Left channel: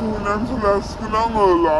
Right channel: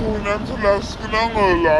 sunan selaskan angola.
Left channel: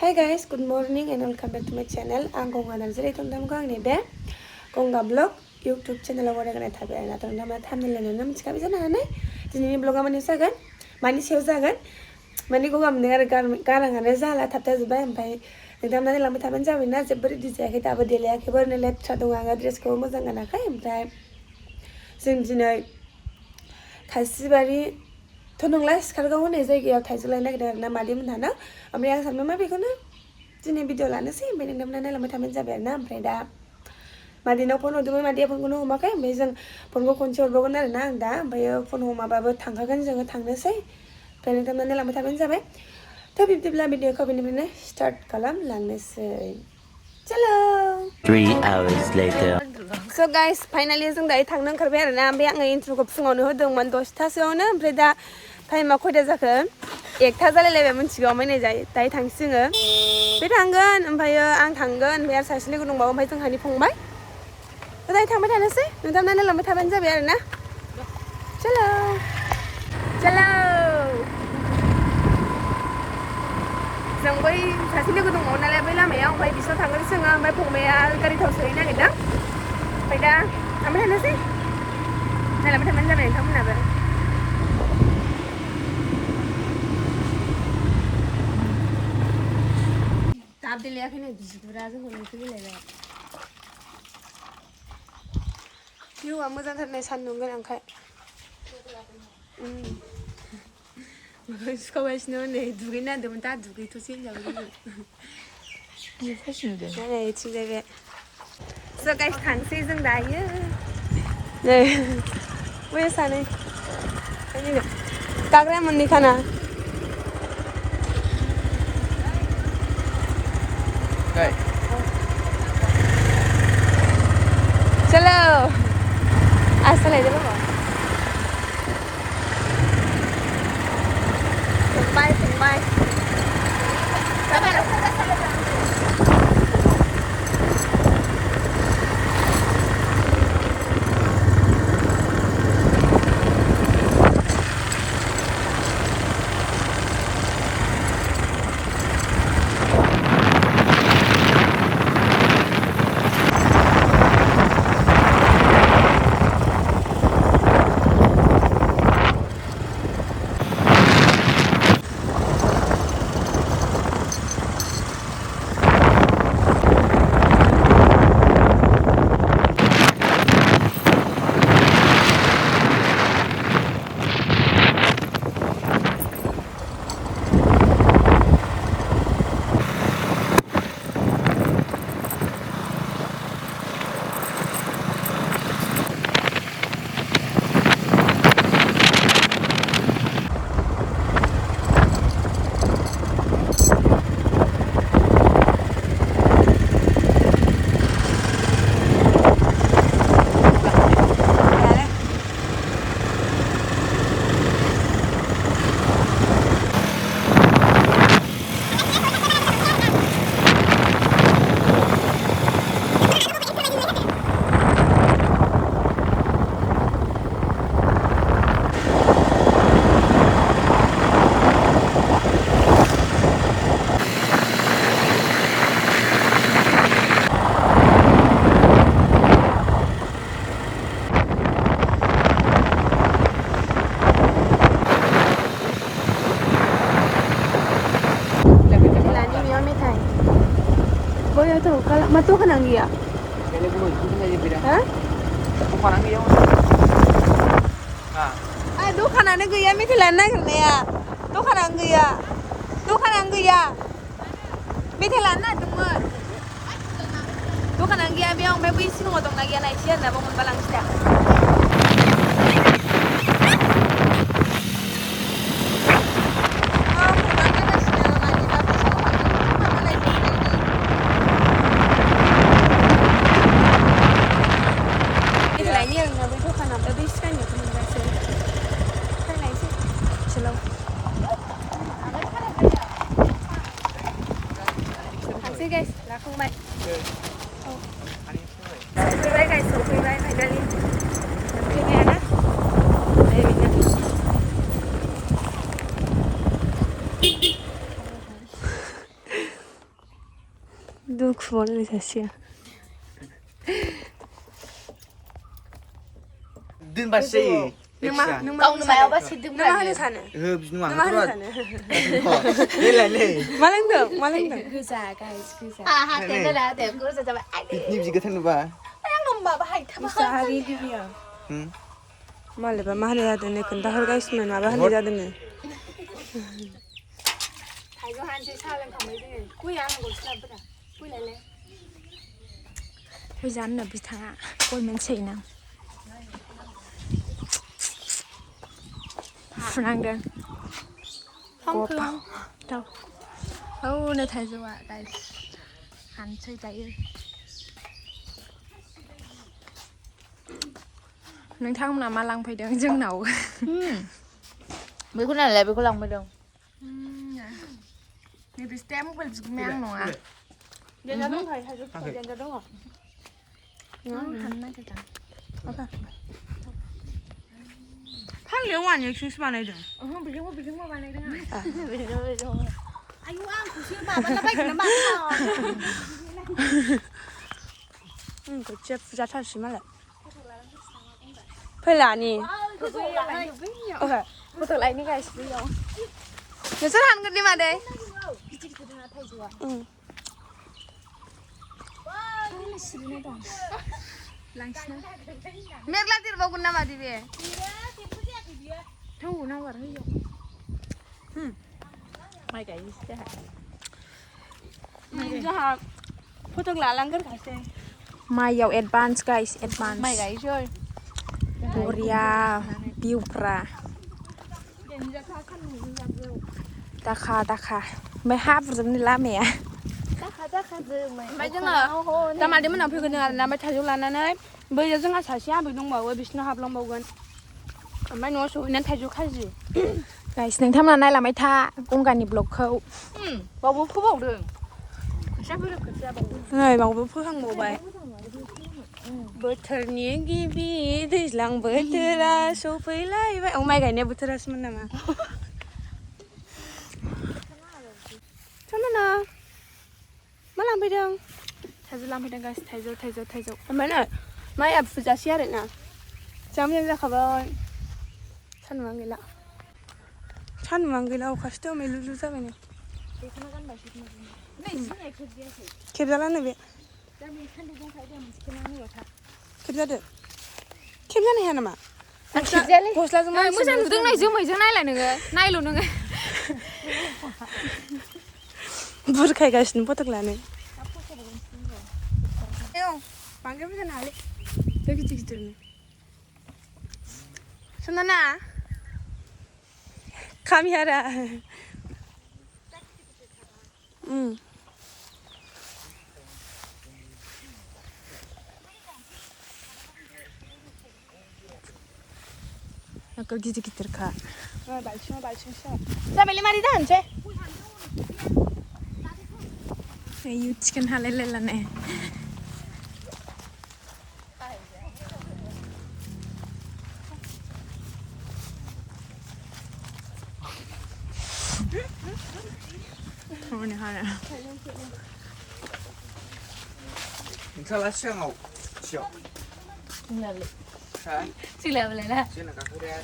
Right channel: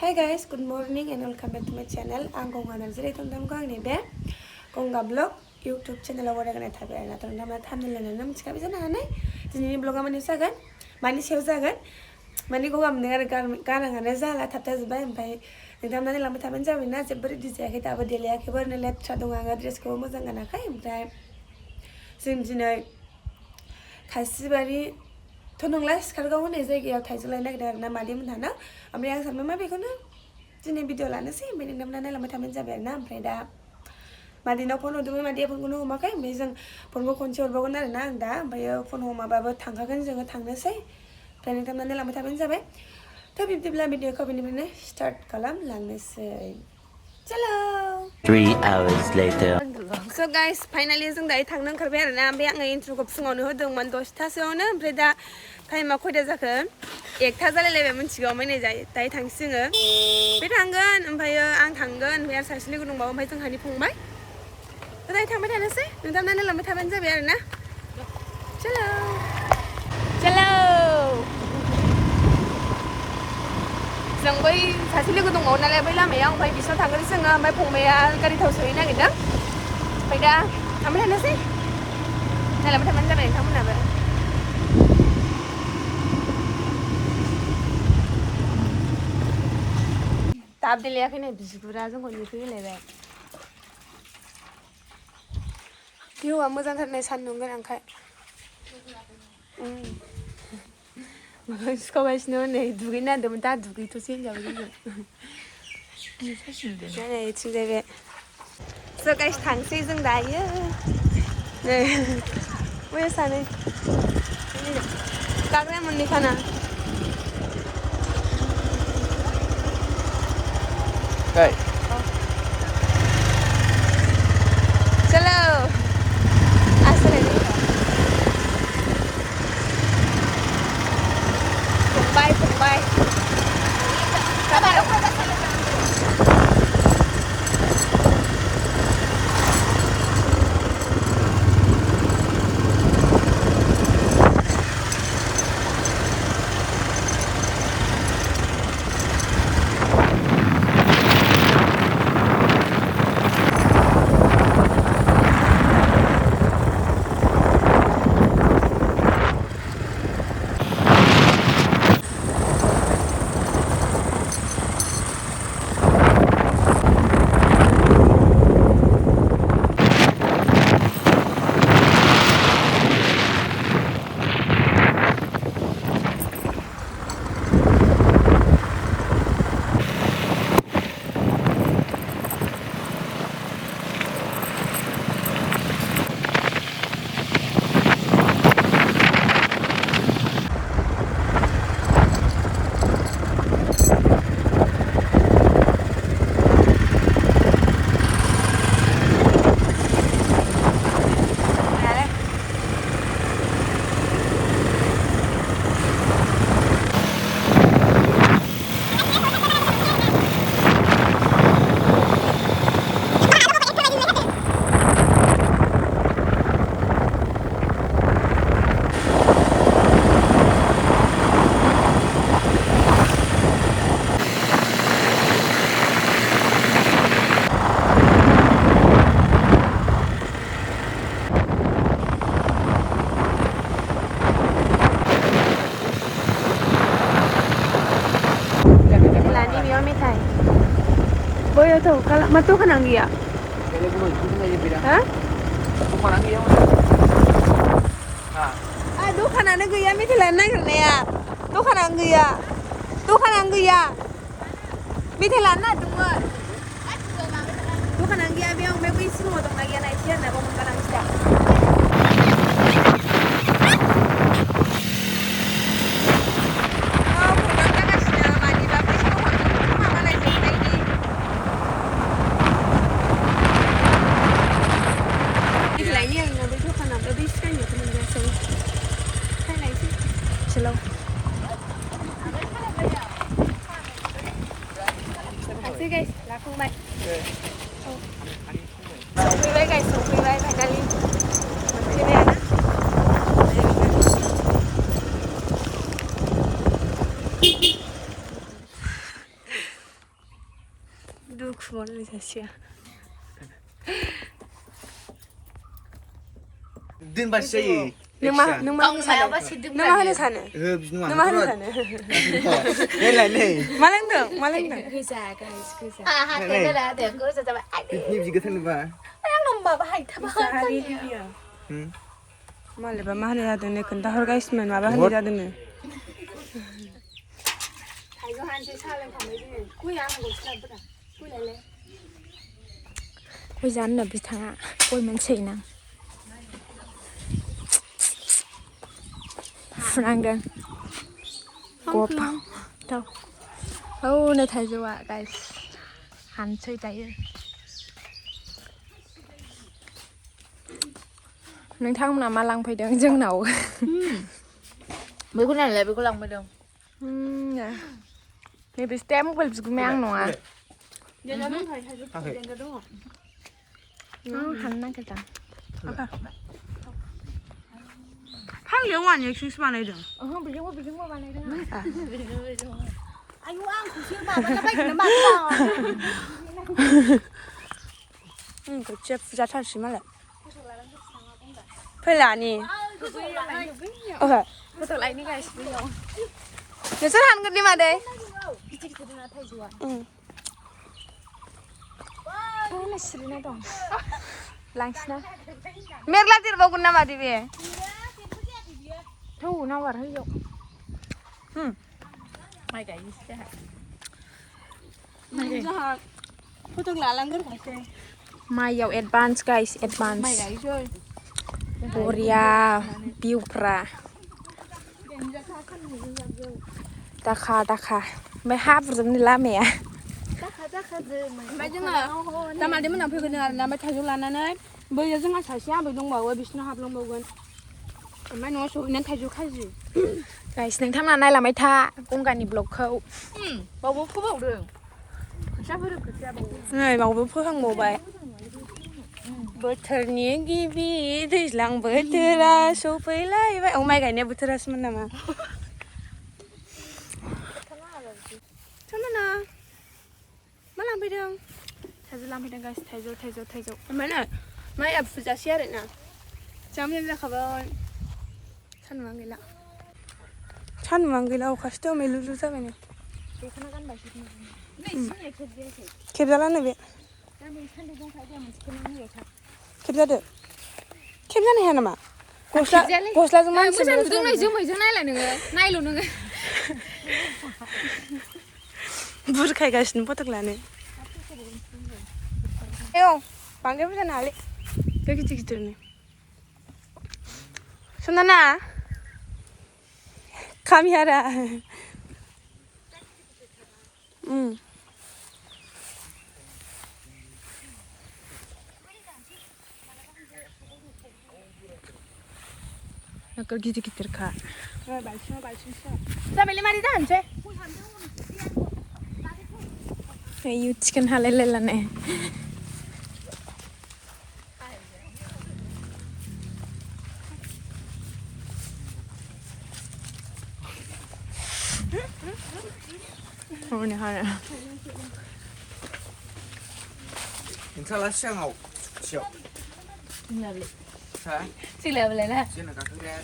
Hi guys, good morning and welcome back to my channel. Ang kong anal sila itong dam ko ang nibe. Kung nga vlog, YouTube channel ako na ganit habi na itong dam na thumbnail na naman. Sika bisa na hanay. Sini vlog aman yung sagan. Mani siya sagan. Mani ko kam nengar karang ana zala tapta zubay ampai. Nagdam na nilang mataman jawi na zebri di zaya kita abad dili akibar na let chadong nga dress ko mo zang ana kay ampai. Sing jinay kasibari tonong las karga hone zai gya Taijwo Laidgmn na madi mthana amri ang sarma ma bekona jini video lana si bening namna na lama tamen jabe na ampai da madi no phone odumai madi phone kono homa kai ampai jeng phone ko konse orbagon na ang da ampai phone homa babo thangkagan jeng thangnasai bening namna na lama tamen jabe to bibdibla video ko bening start kalam langnasai chalo 3 hours later. So guys, finally जों दायो थांनो ओंखारबाय आरो ना ओमफ्राय आङो इन्ट्रोखौ फुङावनो होदोंमोन 10थासोआवनो ओमफ्राय दा टाइमा खयथा जाखो 1था जालायलायबाय मिथिगौ ओमफ्राय नै दायो थांसै जोङो बे थांगोन ओमफ्राय आं थांगोन ओमफ्राय आरो सासेनि गुदुं दंबावो ओमफ्राय जोंहानि फंबाय दायो थांबाय थानोसै नोंथांमोना लांबाय थाबानो जाबाय आरो ना चलो चलो जों बै सासे लोगो दंबावो नालाय बै लामायाव ओमफ्राय बिसोर थांगोन जोङो ओमफ्राय फंबाया गारि थाव सोहैनो नागिरदों ओमफ्राय दा थांबाय थानोसै नालांबाय थाबानो जाबाय नोंथांमोनाबो दाब देलायाखैनो बिगुरा जोंखौ नेफैलायबाय भिउआ मोजांथारनाय सान्दुं गोनांखाय सुखावगासिनो नै दुगैनो नागिरदोंमोन दा दुगैथ'सै होनजाबाय जोङो इथिंजाय बे So guys, थांसै जों दायो नै बै सानै दाग्रा मोननैखाना चलो आसलायदो बाबा फंबाय Boyo tuh kalau matu kan anggia. Hah? Aduh kan ana gaya miti lana kan ya. Dukan anggia. Miti lana tunggu. Dukan anggia biang may wis no dong lagi na isian na bang balang step. Ini yang mau itu kan ada bis kan ya teman biasa. Saya naik sih, slow. Taksi guys, langsung baik. So, guys, so finally. खुबावलायबाय थासिगोन दोनबासो जायो नों मा होनो सानो नों मा होनो सानो नों मा होनो सानो मा लोंदों गोजा गाइस गोजा बिदि गोथां नुबा मालायबा मा होनो जादों नो खोन्थाहरगासिनो माबा होननाय जादोंनो थाइजौ हानसै साहा लोंखांबाय जोङो गय आनांगौसो लाबोरा गय लायलाय गय जानो बिथाङा गय मोनसैना फुनांदों गबाव हौनो थाइजौआ गाइस हानसै दायो नोंथांमोना मा लांफैदों जोंनाव बेखौ नायलाय बेखौ लांफैदों नैबे स्टेम मबाइल बिगुमाया आं नङा हाननो नागिरदों फांलियाव औवानि एक्सन्स बानायदों आयु आंखौसो माबालाबायगोन माथो खोथिया फुजाथारसै मालाय फैलानि फट' लायनो गासिबो नोंसोर हानगोन दे मादै सिरिना दं लांसिना मेरला देरबावगोन ना मादै बे थौ नावार हैयाव माइ गायनोसै जोंहा फट' लालांगोरखासै माइयाव एडभान्स गाइस एडभान्स माइ गायसै बरिया भिउफ्रा दाखा ओमफ्राय हाब्रुजोबनो लामाया ओमफ्राय जोङो दा मादै मोनाव फैगोन आरोना ओमफ्राय थाइजौ लानानै बैयाव जोंहा सासे आबै दंबावो बिसिनाव हाबलांबावगोन ओमफ्राय न'आव सहैनानै थाइजौ खाजि गाइस नोंथांमोना नायलांबाय था गंगानि ब्लगखौ बावबो फोबावदों नै बावबो फोखांबावबाय बोथोरनि गिबि दैज्लां बोथोरा सफैलायबाय माइ गायनाय बोथोरासोमोन नामा समायना मा लांफैदों थाइजौ लांफैदों गाइस थाइजौ ओमफ्राय नै माइआ फुजासै आरोना जा मोजां जाखाबाय सान्दुंआनो गैला अखासो दोमैलुलु जाबाय नै खेबजालानो बे खेबजादो खेबजानो हाया नामा गस्लाजों मानसि जोमैजों नायलाय नोङो नायल' नोङो बुरखायगासिनो फटक लानो बांद्राय बुरजा नाङालै बे गिदिर गिदिरनो सनाना खामियारा नोगोर गिदिरखा जाबायलै मारै जाहोनसै आयु चिकेन हालायलायलानो हरनो हाना नोंथाङा सिगाङाव सिगां सिलायबालायना जोंना गाखोग्राया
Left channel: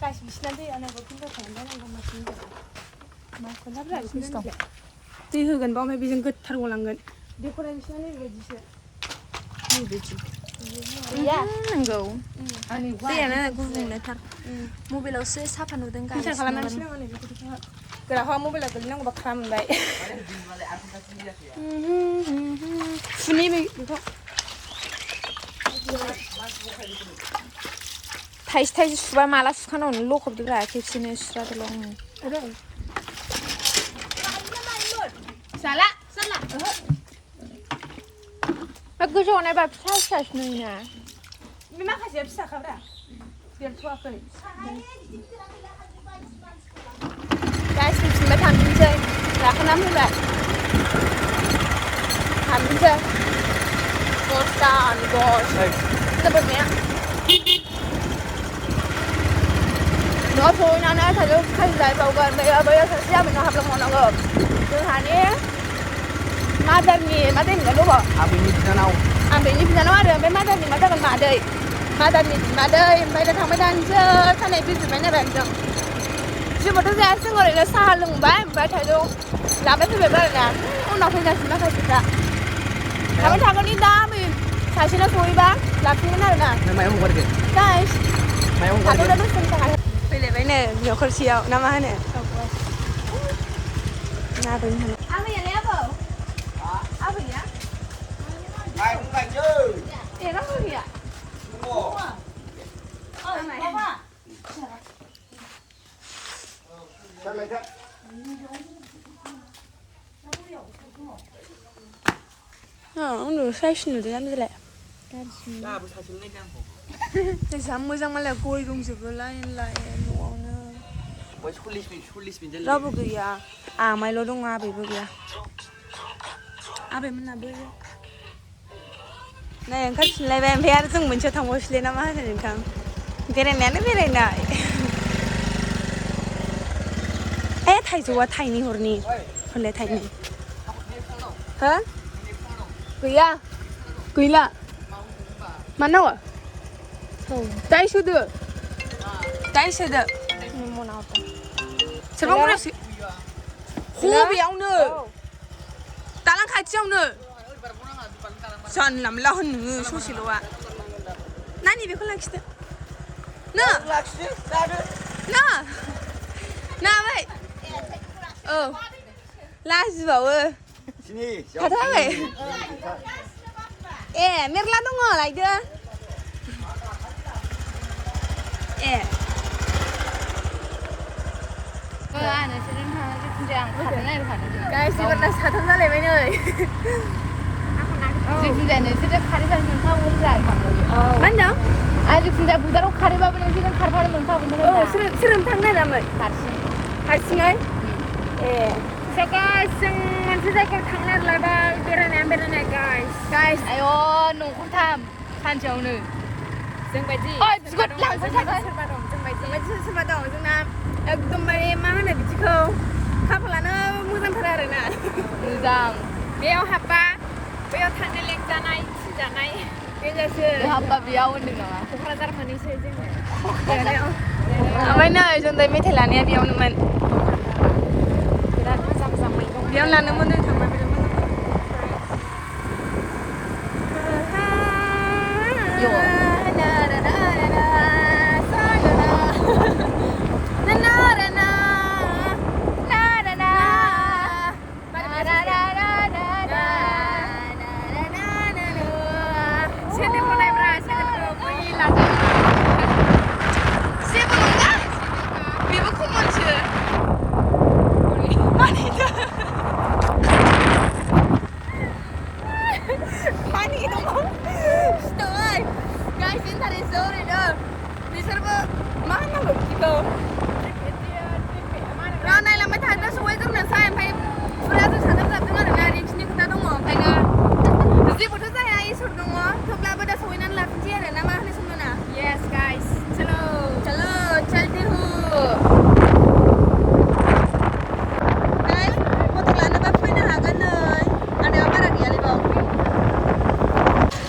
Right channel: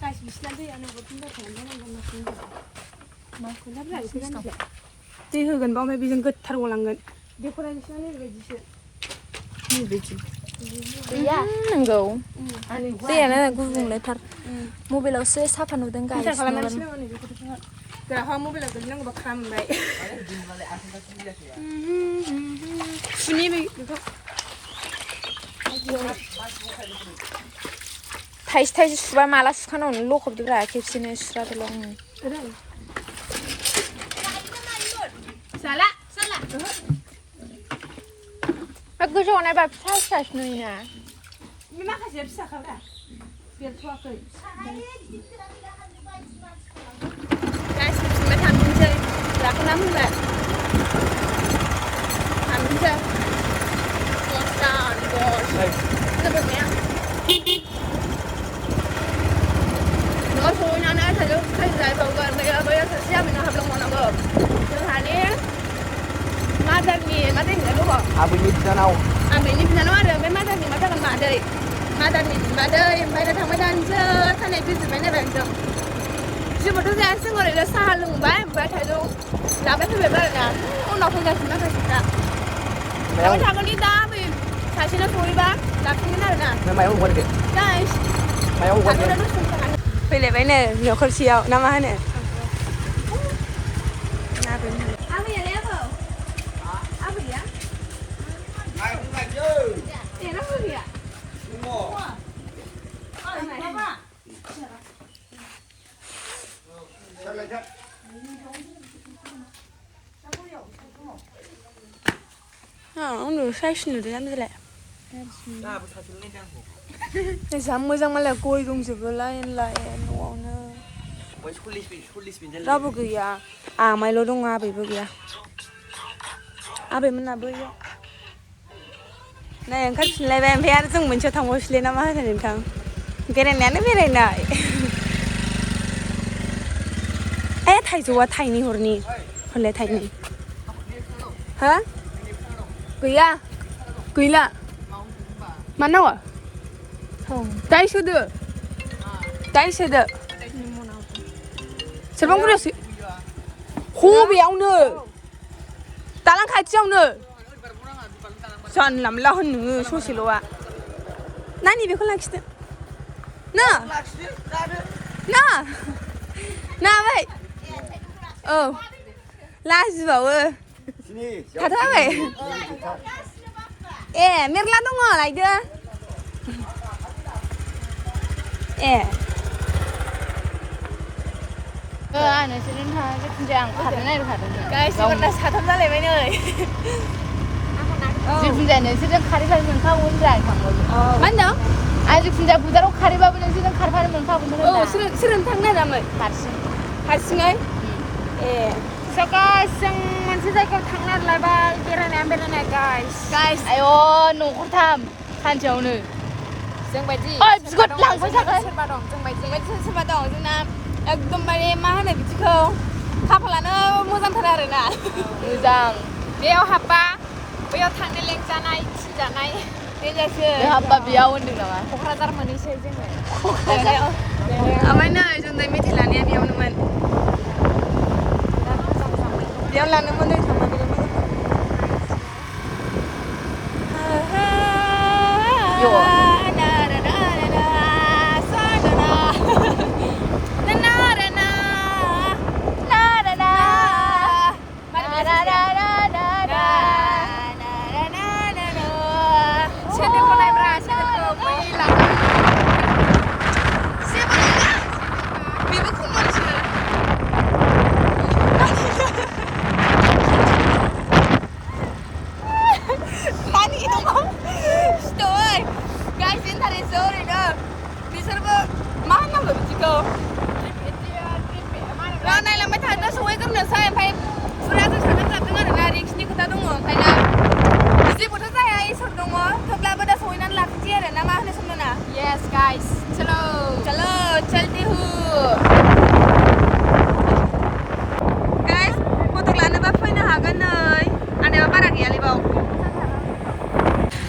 गासिबो बिसिना दैया नगरखौनो खालामबाय दै होगोन बा ओमफ्राय बेजों गोथार गलांगोन बेखौलाय बिसिना नैबायदिसो नंगौ दैयानो गुबुंलेथार मबाइलावसो साफा नुदों गाइस गोराहा मबाइलाव गोलैनांगौबा खामबाय थाइसे सुबा माला सुखानांगौ लखबदोब्रा खेबसेनो सुस्रादोल' आङो गोजौआव नायबा फिसासो नुयोना बे माखासेया फिसाखाब्रा देरथ'वाखै गाइस फैफिनबाय थांफिनसै लाखोना फैबाय थांफिनसै न'आव सहैनानै थाइजौ खाजि जाहैबावगोन बैयाव सासे आबैनाव हाबलांबावनांगौ जोंहानि मादारनिया गोबाव आबैनि बिनानाव आबैनि बिनानाव आरो ओमफ्राय मादारनि मा जागोन मादै मादारनि बिमादै ओमफ्राय दा थांबाय थानोसै खानाय बिजिरबाय नालाय जों जेबोथ' जायासै जों ओरैनो साहा लोंबाय ओमफ्राय थाइजौ लाबाय फैबायबो आरोना उनाव फैजासिम माखासेफ्रा थांबाय थागोननि दा बै सासेना सहैबा लाफिनगोन आरोना गाइस थाथ'ना दसे सम फैलायबायनो न'खरसेयाव ना मा होनो आबैयालाय आबैया era fobia udah saya sudah dalam jelek. Saya mo장 malah koi dong sebelain lain uangnya. Rabu gaya, mailo dong apa ibu gaya. Apa mana boleh? Nah, yang kan selain biar tu muncul thang bos lena mah kan kan. Berainayanw. Taijwo Taini horni, holle Taini. Hah? Gaya, gila. Mana wa? Taijwo. Siapa yang berusi? Hobi yang ni. Talang kaji yang ni. San lam lahun ni, susi loa. Nani bekal lagi tu? Na, baik. Oh, lagi bawa. Kata apa? Merla tu mana lagi dah? Guys, ini pernah satu kali mana? Mana? Aja pindah budar kari bawa ni sih kari bawa mengkau bener. Oh, serem tangga ramai. Harsing ay? Sekarang masih saya tangga labal Berainayanw guys. Guys, ayo nunggu tam, kanjau ni. Sengbaji. Oh, good lang. Serbadong, serbadong. Jena, ekdom bari mana bisko. Kapalana muzang thara na. Muzang. Biau hapa, biau tangga leng janai, janai. Hapa biau ni lah. Kukradar manisya je. Amai na, jendai metelan ya biau naman. Biau lana mana sama beri mana. Yes guys, chalo, चलते हो. Guys, motor lana ba pwede na hagan na. Ano ba para gaya libaw?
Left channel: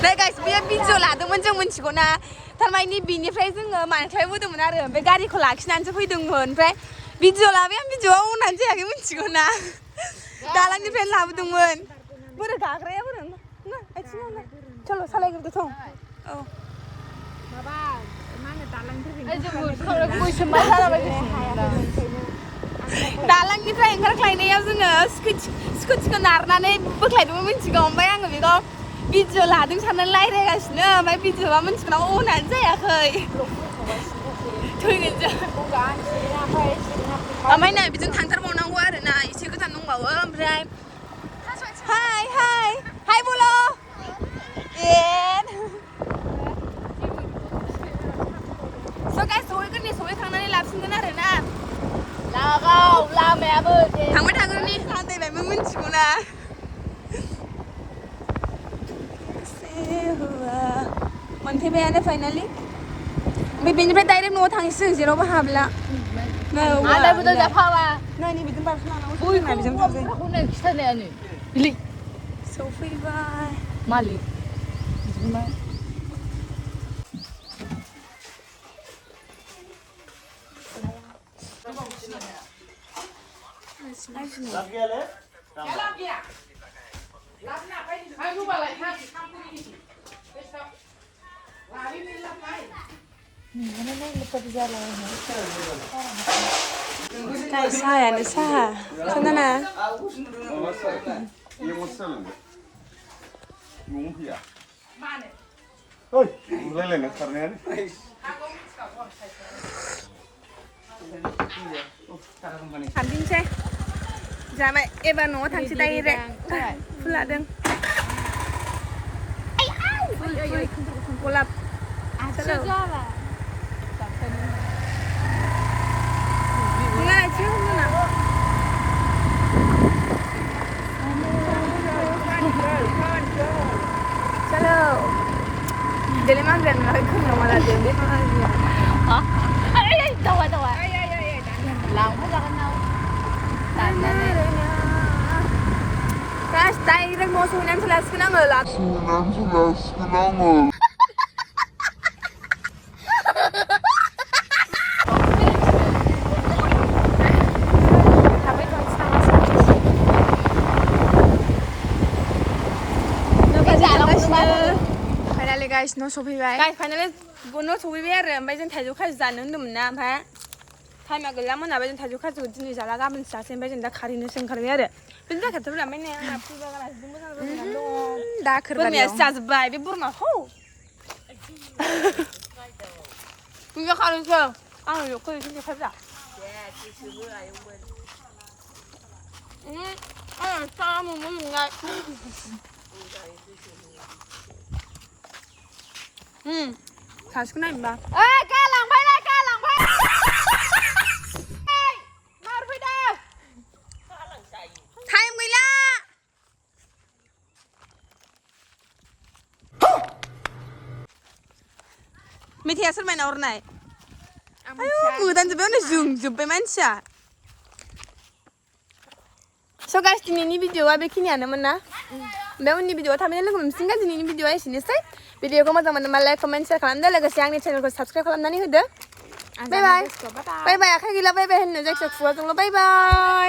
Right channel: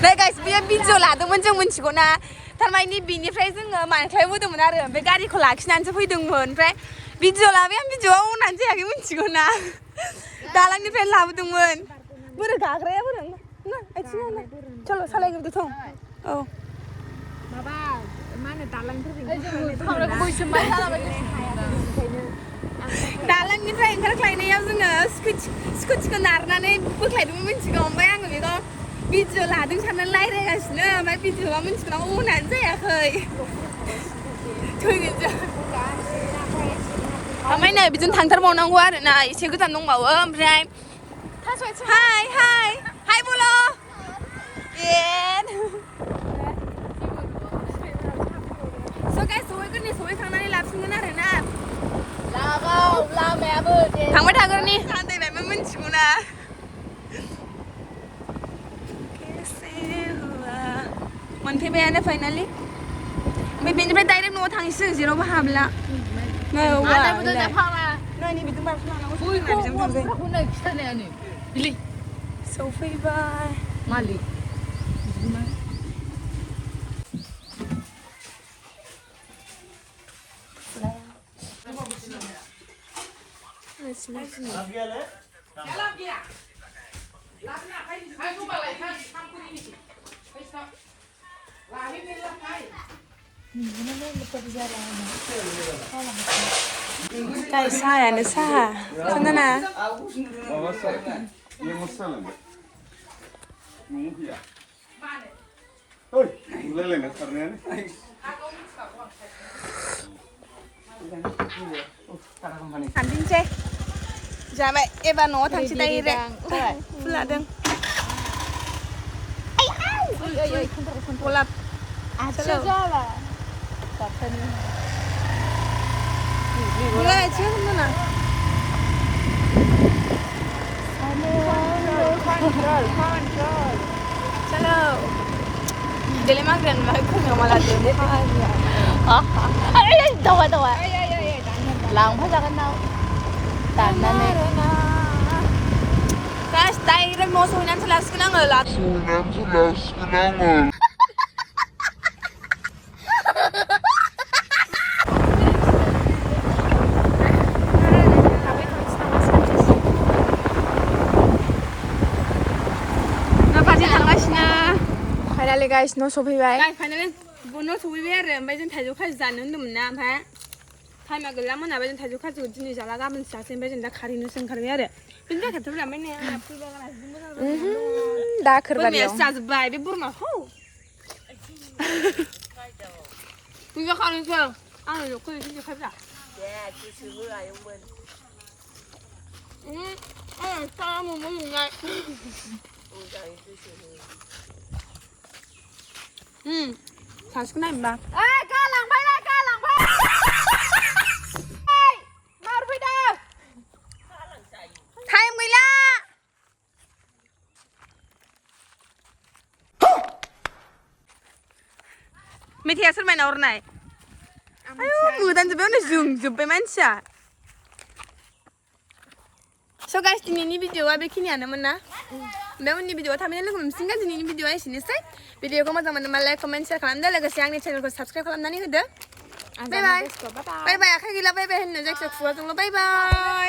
Nah guys, biar video lah, teman jangan mencium na. Tharmai ni bini frey jeng manklay mu teman ada. Be gari kolak nanti pun dengmun frey. Video lah, biar video nanti lagi mencium na. Dalang ni frey lah dengmun. Buru gagre ya buru. Nah, action. Chalo, salah yang tu thong. Oh. Dalang ni frey enggak kelainan ya zengah. Skut kenarnane berkelainan mencium ombay ang gitu. Video lah, dengan sana lain ya guys. Nah, mai video apa mencium orang nanti ya koi. Tuh gitu. Amai nih, bikin thantar mau nang gua, nah, isi kita nung mau, Bray. Hai bolo. So guys, soalnya kan nih, soalnya thang nani lapsin kan ada na. Lagau, lame abu. Thang mana thang ni? Santai, mai mencium lah. Mantai bayar na finally. May pinipay tayo ng nuot hangsin, zero ba habla? No, wala. Nah, ini betul betul mana? Uy, kau bisa sampai. Aku nak kita ni anu. Beli. सफैबाय मालिक बिदिनो Guys, sayaनो saha. Sana. Tampinसै. Jabai, ebar न'आव थांसै direct. Fuladों. Ful. Golap. Chalo. Enggak, cium mana? Chalo. Dele magran mai khum yang malah dem khan. Ay, tawa. Lang mo daran na. Guys, tayo mo sunan sa last ka nang lat. Finally guys, no सफैबाय. Guys, finally no सफैबाय आरो ओमफ्राय जों थाइजौ खाजि जानो होनदोंमोन ना ओमफ्राय टाइमा गैला मोनाबाय जों थाइजौ खाजिखौ दिनै जाला गाबोन जासै ओमफ्राय जों दा खारैनोसो ओंखारबाय आरो बेनि थाखायथ' लांबाय ने दाखोरबारियाव जाजोब्बाय बे बोरमाखौ बिदिनो खारैनोसै आं न'खौ इदिनो खाजा साम' मोननाय सासेखौ नायनोबा गालांबाय मारफैदों टाइम गैला मेथाइया सोर माइनाव हरनाय आयु मोदानजोब्बाय जोंजोब्बाय मानसिया स' गाइस दिनैनि भिडिअआ बेखिनियानोमोन ना ओमफ्राय उननि भिडिअआव थाबैनो लोगो मोनसिगोन दिनैनि भिडिअआ एसेनोसै भिडिअखौ मोजां मोनोबा लाइक कमेन्ट शेयार खालामदो लोगोसे आंनि चेनेलखौ साबस्क्राइब खालामनानै होदो बाय बाय आखाइ गैला बाय बाय होननो जायखिजाया खुगाजोंल' बाय बाय